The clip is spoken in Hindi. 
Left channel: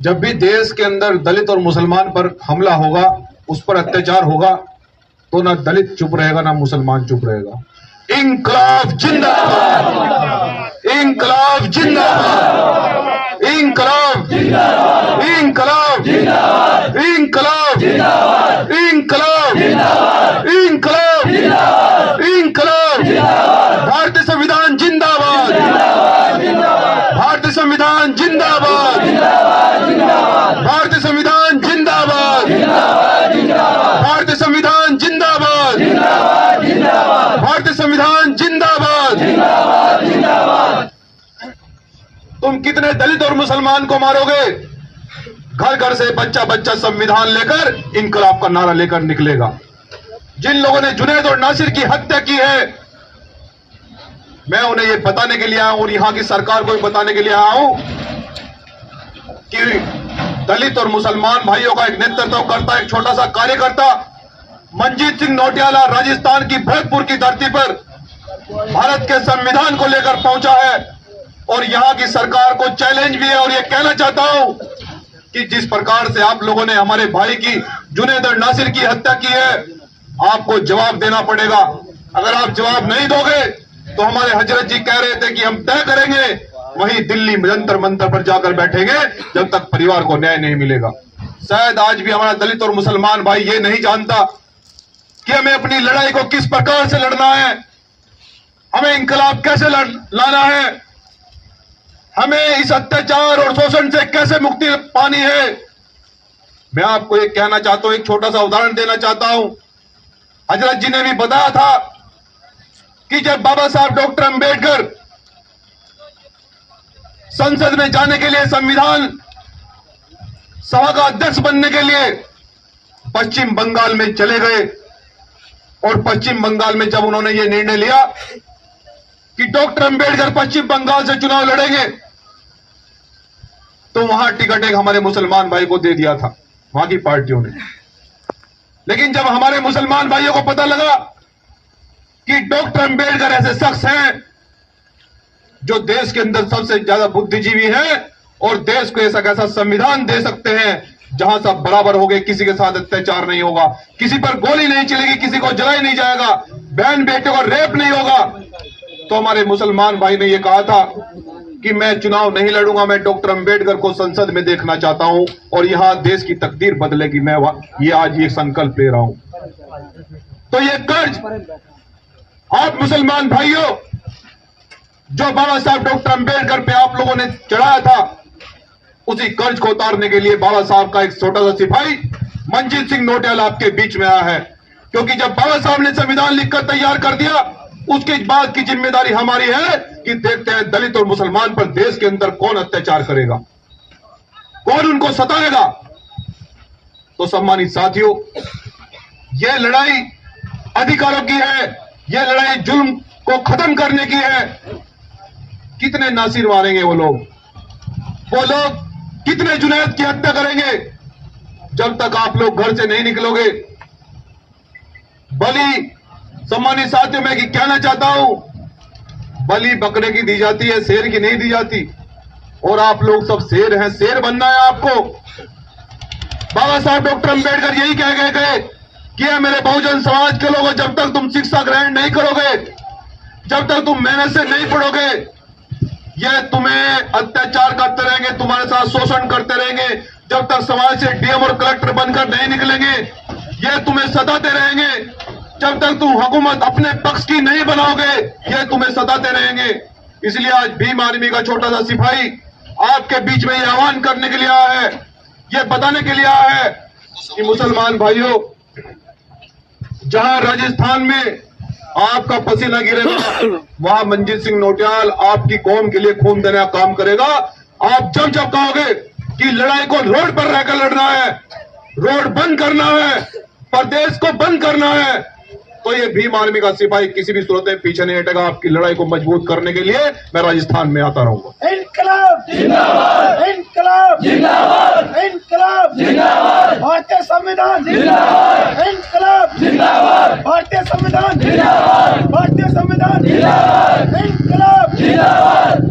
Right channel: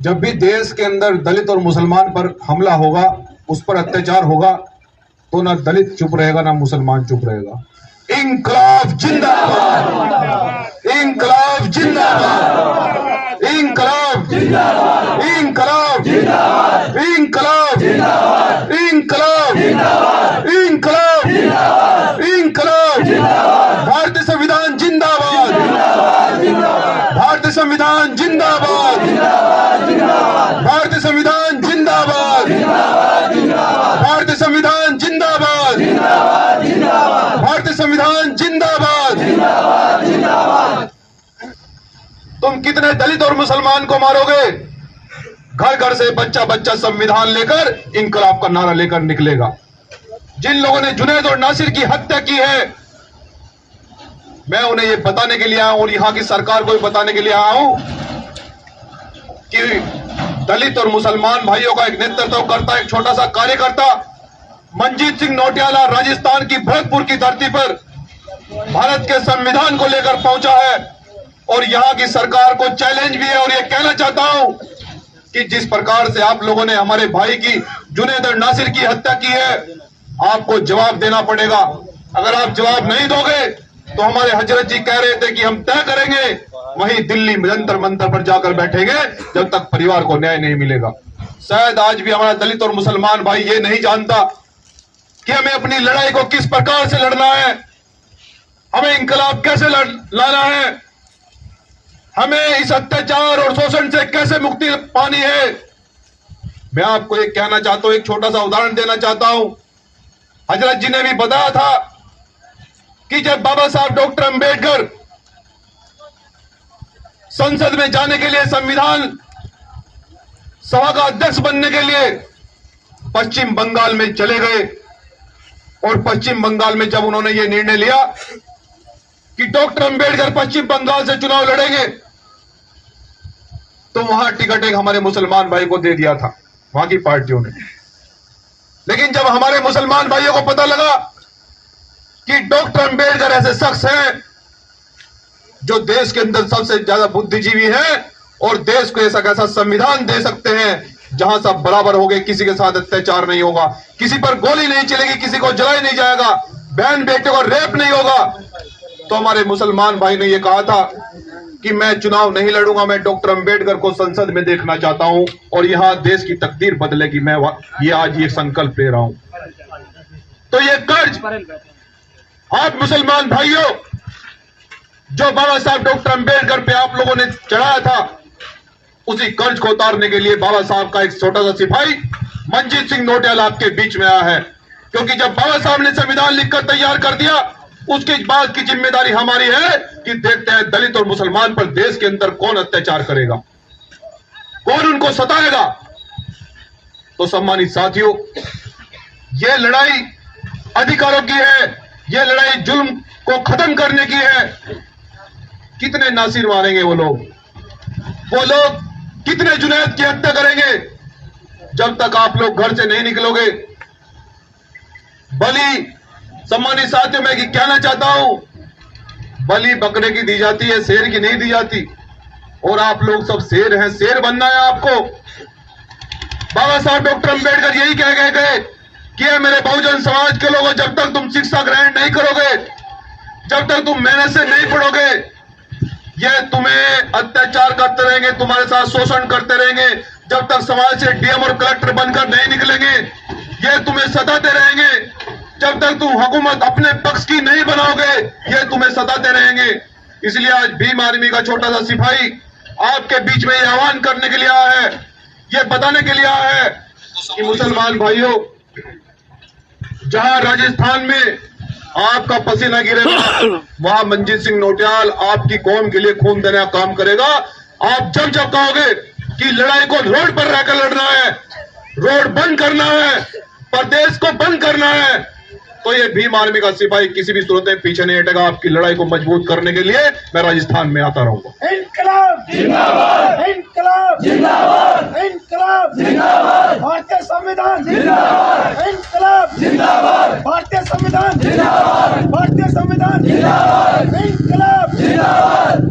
जब भी देश के अंदर दलित और मुसलमान पर हमला होगा, उस पर अत्याचार होगा, तो ना दलित चुप रहेगा ना मुसलमान चुप रहेगा। इंकलाब जिंदाबाद, इंकलाब जिंदाबाद, इंकलाब, इंकलाब, इंकलाब, इंकलाब, इंकलाब, इंकलाब। भारतीय संविधान जिंदाबाद, भारतीय संविधान जिंदाबाद, भारतीय संविधान जिंदाबाद, भारतीय संविधान जिंदाबाद, भारतीय संविधान जिंदाबाद। तुम कितने दलित और मुसलमान को मारोगे? घर घर से बच्चा बच्चा संविधान लेकर इंकलाब का नारा लेकर निकलेगा। जिन लोगों ने जुनैद और नासिर की हत्या की है, मैं उन्हें यह बताने के लिए आया हूं और यहां की सरकार को भी बताने के लिए आया हूं कि दलित और मुसलमान भाइयों का एक नेतृत्व करता एक छोटा सा कार्यकर्ता मंजीत सिंह नौटियाला राजस्थान की भरतपुर की धरती पर भारत के संविधान को लेकर पहुंचा है और यहां की सरकार को चैलेंज भी है। और यह कहना चाहता हूं कि जिस प्रकार से आप लोगों ने हमारे भाई की जुनैद और नासिर की हत्या की है, आपको जवाब देना पड़ेगा। अगर आप जवाब नहीं दोगे तो हमारे हजरत जी कह रहे थे कि हम तय करेंगे, वहीं दिल्ली जंतर मंतर पर जाकर बैठेंगे जब तक परिवार को न्याय नहीं मिलेगा। शायद आज भी हमारा दलित और मुसलमान भाई ये नहीं जानता कि हमें अपनी लड़ाई को किस प्रकार से लड़ना है, हमें इंकलाब कैसे लाना है, हमें इस अत्याचार और शोषण से कैसे मुक्ति पानी है। मैं आपको एक कहना चाहता हूं, एक छोटा सा उदाहरण देना चाहता हूं। हजरत जी ने भी बताया था कि जब बाबा साहब डॉक्टर अंबेडकर संसद में जाने के लिए, संविधान सभा का अध्यक्ष बनने के लिए पश्चिम बंगाल में चले गए और पश्चिम बंगाल में जब उन्होंने ये निर्णय लिया कि डॉक्टर अंबेडकर पश्चिम बंगाल से चुनाव लड़ेंगे, तो वहां टिकट एक हमारे मुसलमान भाई को दे दिया था वहां की पार्टियों ने। लेकिन जब हमारे मुसलमान भाइयों को पता लगा कि डॉक्टर अंबेडकर ऐसे शख्स हैं जो देश के अंदर सबसे ज्यादा बुद्धिजीवी हैं और देश को ऐसा कैसा संविधान दे सकते हैं जहां सब बराबर हो गए, किसी के साथ अत्याचार नहीं होगा, किसी पर गोली नहीं चलेगी, किसी को जलाया नहीं जाएगा, बहन बेटे को रेप नहीं होगा, तो हमारे मुसलमान भाई ने यह कहा था कि मैं चुनाव नहीं लड़ूंगा, मैं डॉक्टर अंबेडकर को संसद में देखना चाहता हूं और यहां देश की तकदीर बदलेगी, मैं ये आज ये संकल्प ले रहा हूं। तो ये कर्ज आप मुसलमान भाइयों, जो बाबा साहब डॉक्टर अंबेडकर पे आप लोगों ने चढ़ाया था, उसी कर्ज को उतारने के लिए बाबा साहब का एक छोटा सा सिपाही मंजीत सिंह नौटियाला आपके बीच में आया है। क्योंकि जब बाबा साहब ने संविधान लिखकर तैयार कर दिया, उसके बाद की जिम्मेदारी हमारी है कि देखते हैं दलित और मुसलमान पर देश के अंदर कौन अत्याचार करेगा, कौन उनको सताएगा। तो सम्मानित साथियों, यह लड़ाई अधिकारों की है, यह लड़ाई जुल्म को खत्म करने की है। कितने नासिर मारेंगे वो लोग कितने जुनैद की हत्या करेंगे जब तक आप लोग घर से नहीं निकलोगे। बलि, सम्मानित साथियों, मैं कहना चाहता हूं, बलि बकरे की दी जाती है, शेर की नहीं दी जाती। और आप लोग सब शेर हैं, शेर बनना है आपको। बाबा साहब डॉक्टर अंबेडकर यही कह गए कि मेरे बहुजन समाज के लोगों, जब तक तुम शिक्षा ग्रहण नहीं करोगे, जब तक तुम मेहनत से नहीं पढ़ोगे, ये तुम्हें अत्याचार करते रहेंगे, तुम्हारे साथ शोषण करते रहेंगे, जब तक समाज से डीएम और कलेक्टर बनकर नहीं निकलेंगे, ये तुम्हें सताते रहेंगे, जब तक तुम हुकूमत अपने पक्ष की नहीं बनाओगे, ये तुम्हें सताते रहेंगे। इसलिए आज भीम आर्मी का छोटा सा सिपाही आपके बीच में ये आह्वान करने के लिए आया है, ये बताने के लिए आया है कि मुसलमान भाइयों, जहां राजस्थान में आपका पसीना गिरेगा, वहां मंजीत सिंह नौटियाल आपकी कौम के लिए खून देने का काम करेगा। आप जब जब कहोगे कि लड़ाई को रोड पर रहकर लड़ना है, रोड बंद करना है, प्रदेश को बंद करना है, तो ये भीम आर्मी का सिपाही किसी भी सूरत में पीछे नहीं हटेगा। आपकी लड़ाई को मजबूत करने के लिए मैं राजस्थान में आता रहूंगा। इंकलाब जिंदाबाद, इंकलाब जिंदाबाद, इंकलाब जिंदाबाद, भारतीय संविधान जिंदाबाद, इंकलाब जिंदाबाद, भारतीय संविधान जिंदाबाद, भारतीय संविधान जिंदाबाद, इंकलाब जिंदाबाद।